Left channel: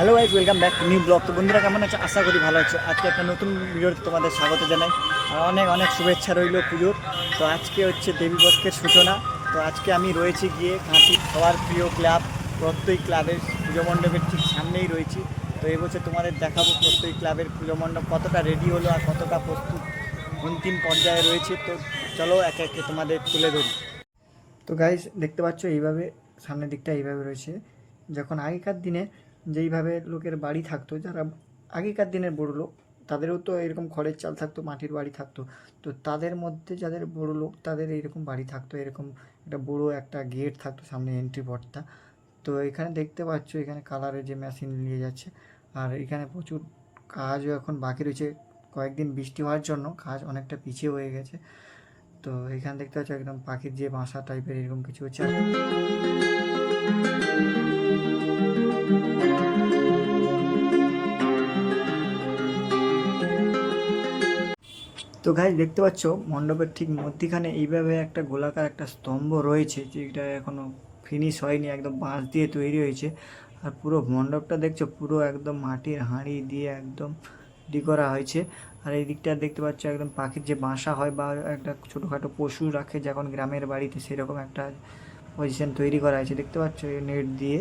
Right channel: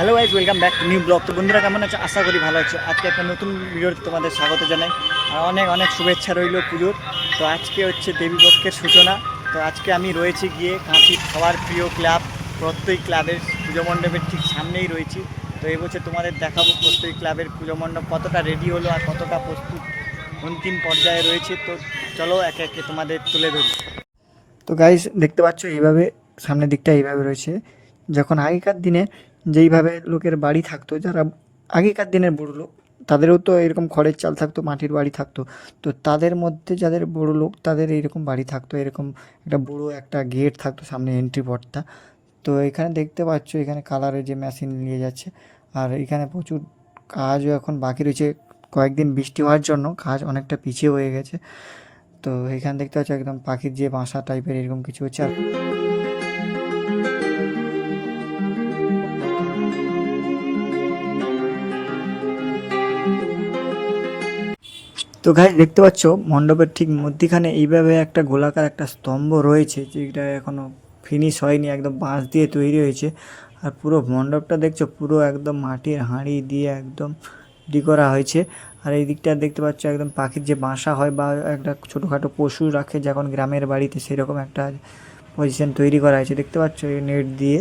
Hello guys welcome back to new blog তো বন্ধুরা, কেমন আছো? আশা করি ভালো আছো। আজকে একটা নতুন ভিডিওতে তোমাদের স্বাগত জানাই। আর অনেক অনেক শুভেচ্ছা রইল পুজোর। তো আজকে হচ্ছে দেবীপক্ষের সূচনা। তো আজকে আমি রয়েছি গিয়ে কাঁথির সবার প্রিয় ক্লাব, প্রত্যেক ক্লাবের পুজো মণ্ডপের ঠিক সামনেই রয়েছি। তো এবছর তোমাদের দেখাবো প্রত্যেক ক্লাবের পুজো মণ্ডপ কতটা রেডি হলো আর কতটা প্রস্তুত অন্তিম পর্যায়ে রয়েছে। তো চলো একে একে তোমাদের তুলে ধরি। তো গাইস দেখতে পাচ্ছ এইভাবে, সামনের দিকটা এইভাবে রয়েছে। যখন আগেকার দিনে যেইভাবে লোকের বাড়ি থাকতো, যারা আগেকার দিনের বড় লোক, তাদেরও তো এরকম খড়ের চাল থাকতো, মাটির বাড়ি থাকতো। তো তাদের মধ্যে যাদের বড় লোক, তাদের এইরকম বাড়ি থাকতো, এরকম একটা বড় একটা গেট থাকতো সামনে এন্ট্রি পথটা তো এখানে দেখতে পাচ্ছ, এখানে কালারের যে মেশিন নিয়ে যাচ্ছে, আর এখানে প্রচুর কাজও এখন বাকি রয়েছে। কয়েকদিন বৃষ্টি হওয়ার জন্য কাজ অনেকটা পিছিয়ে হয়ে গেছে। তো এখানে দেখতে পাচ্ছ, একদম পাখির যে বাসা টাইপের এরকম কিছু হচ্ছে। তো গাছ দেখতে পাচ্ছ, মণ্ডপের ঠিক মধ্যিখানে এইভাবে একটা গোলাকার একটা স্তম্ভ রয়েছে, যেটা এখনও ফিনিশ হয়নি, একদম বাঁশ দিয়ে তৈরি হয়েছে। আর পুরো মণ্ডপটা দেখছ, পুরো একদম মাটির হাঁড়ি দিয়ে একদম রেডি করা হয়েছে। আর এই দিকটা দেখতে পাচ্ছ, একদম পাখির যে বাসা হয় বা একটা ছোটোখাটো পশু রাখে যখন গ্রামের বাড়িতে সেরকম একটা পজিশন তৈরি করা হয়েছে। দেখতে পাচ্ছ, এই নেট দিয়ে।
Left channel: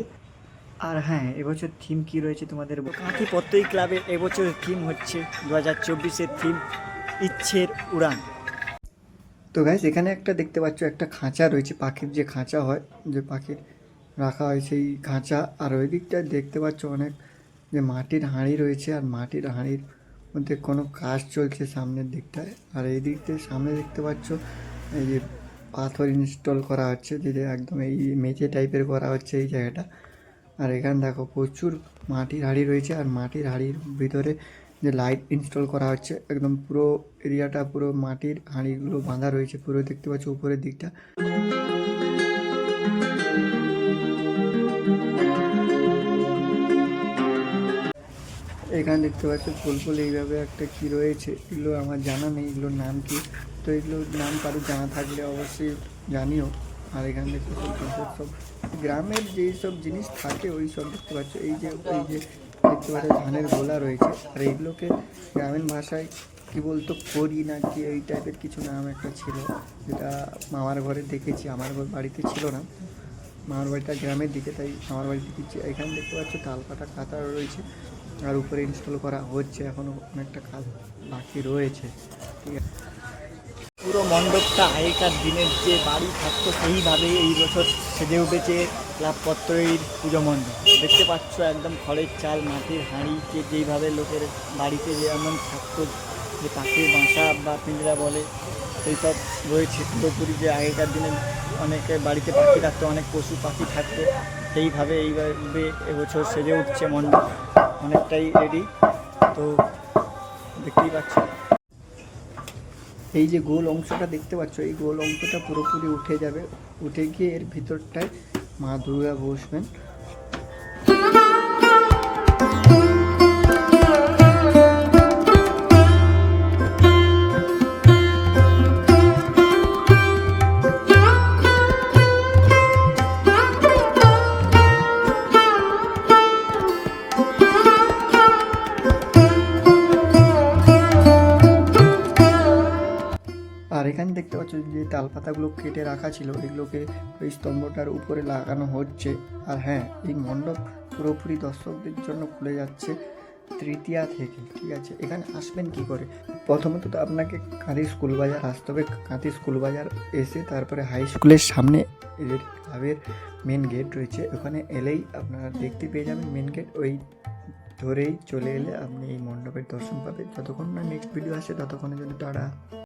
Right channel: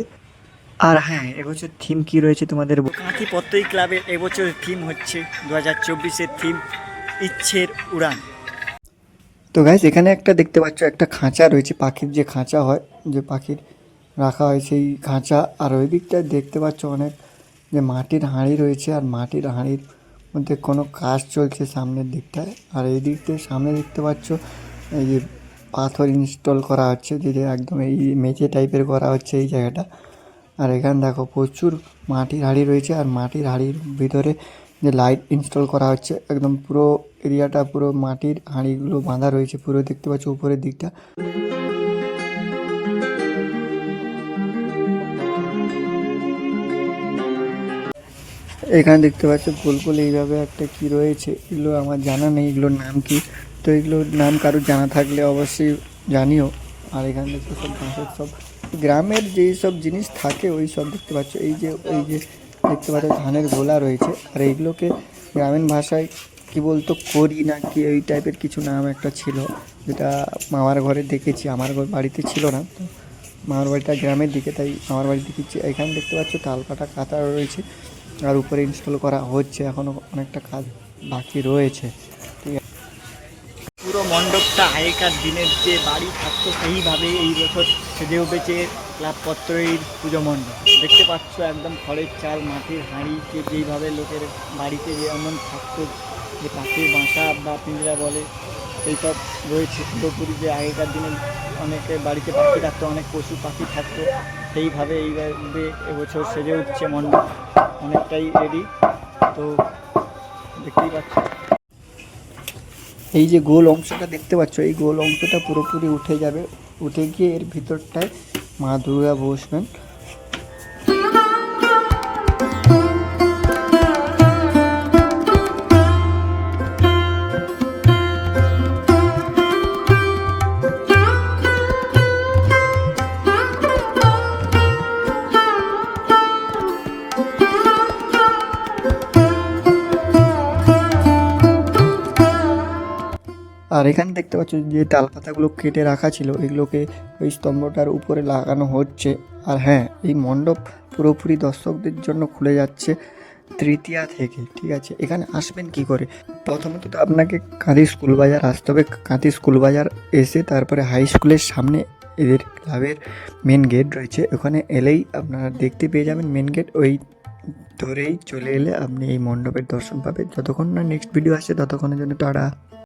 আর হ্যাঁ এবছর থিম কি রয়েছে তোমাদের কাঁথি পত্তই ক্লাবের এবছর থিম হচ্ছে দু হাজার চব্বিশের থিম ইচ্ছের উড়ান। তো গাইস এখানে একটা দেখতে পাচ্ছ, একটা খাঁচা রয়েছে, পাখির যে খাঁচা হয়, যে পাখির রাখা হয় সেই খাঁচা। আর ওই দিকটা দেখতে পাচ্ছ অনেক, যে মাটির হাঁড়ি রয়েছে, আর মাটির হাঁড়ির মধ্যে কোনো কাজ চলছে সামনের দিকটায়। আর এই দিকটায় সামনে দেখতে পাচ্ছ, এই যে পাথর ইনস্টল করা হচ্ছে যেটা একদম এই মেঝে টাইপের করা হচ্ছে এই জায়গাটা। আর এখানে দেখো প্রচুর মাটির হাঁড়ি রয়েছে, আর মাটির হাঁড়ির ভিতরে যে লাইট ইনস্টল করা হচ্ছে, একদম পুরো এরিয়াটা পুরো মাটির হাঁড়িগুলো বাঁধা রয়েছে, পুরো দেখতে পাচ্ছ উপরের দিকটা। এখানে দেখতে পাচ্ছ ফুল ফুল এইভাবে একটা কি রয়েছে, এগুলো আমার জানা নেই, এগুলোর নাম কি? তো এগুলোর নাম কারোর জানা থাকলে অবশ্যই জানিও। আর এখানে দেখতে সব সব গ্রামের যেই সব জিনিস থাকে, ওই সব দেখতে পাচ্ছ। এই যে এই যে দেখতে পাচ্ছ ধানের গোলা রয়েছে। আর এইগুলোকে গ্রামীণ ভাষায় কি বলতো, করি না কি ওই টাইপের কিছু নাম একটা ছিল, যেটা মামার ঘরে দেখেছি, আমার ঘর বাড়িতে ছিল না। মামার বাড়িটা গ্রামের দিকে, তাই মামার বাড়ি দেখেছি এখানে দেখতে পাচ্ছ তাল কাটা রয়েছে। আর উপরে ইনস্টল করা হচ্ছে এখনও অনেকটা কাজ বাকি রয়েছে। ঠিক আছে। মণ্ডপটা আগেকার দিনের যে বাড়ি থাকতো সেইভাবেই এই বছর সেজে উঠেছে ক্লাবপত্রের পুজো মণ্ডপ। দেখতে পাচ্ছ একদম খড়ের চাল, মাটির হাঁড়ি, যে যেইভাবে লোকের বাড়িতে যেমন থাকতো, যে পাখির বাসা বা পিঞ্জরা বলে এইসব রয়েছে। পুরোপুরি যে আগেকার দিনে অনেকে বাড়িতে পাখি থাকতো, অনেক পশু পাখি থাকতো, সেইভাবে এইভাবে এবছর সেজে উঠছে মণ্ডপ। অনেকটাই রেডি তো দেখতেই পাচ্ছ। এই যে গোল অংশটা দেখতে পাচ্ছ, এই গোল অংশটা পুরোপুরি উঠে যাবে, উঠে গিয়ে এর ভিতরটায় মা দুর্গা বসবেন। আর এখানে দেখতে পাচ্ছ যে তাল পাতাগুলো কেটে রাখা ছিল, এগুলোকে ওই স্তম্ভটার উপরে লাগানো হচ্ছে। আর হ্যাঁ এই মণ্ডপ পুরোপুরি দর্শকদের জন্য খুলে যাচ্ছে তৃতীয়া থেকে, ঠিক আছে? এখানে আসবেন কি করে? প্রথমত তো আপনাকে কাঁদি স্কুল বাজার আসতে হবে। কাঁদি স্কুল বাজার এসে তারপরে হাই স্কুলের সামনে এদের ক্লাবের মেন গেট রয়েছে। ওখানে এলেই আপনারা দেখতে পেয়ে যাবেন মেন গেট। ওই ধরেই চলে এলে আপনি এই মণ্ডপের দর্শন পাবেন। যতক্ষণ না নেক্সট ভিডিও আসে, ততক্ষণের জন্য তারা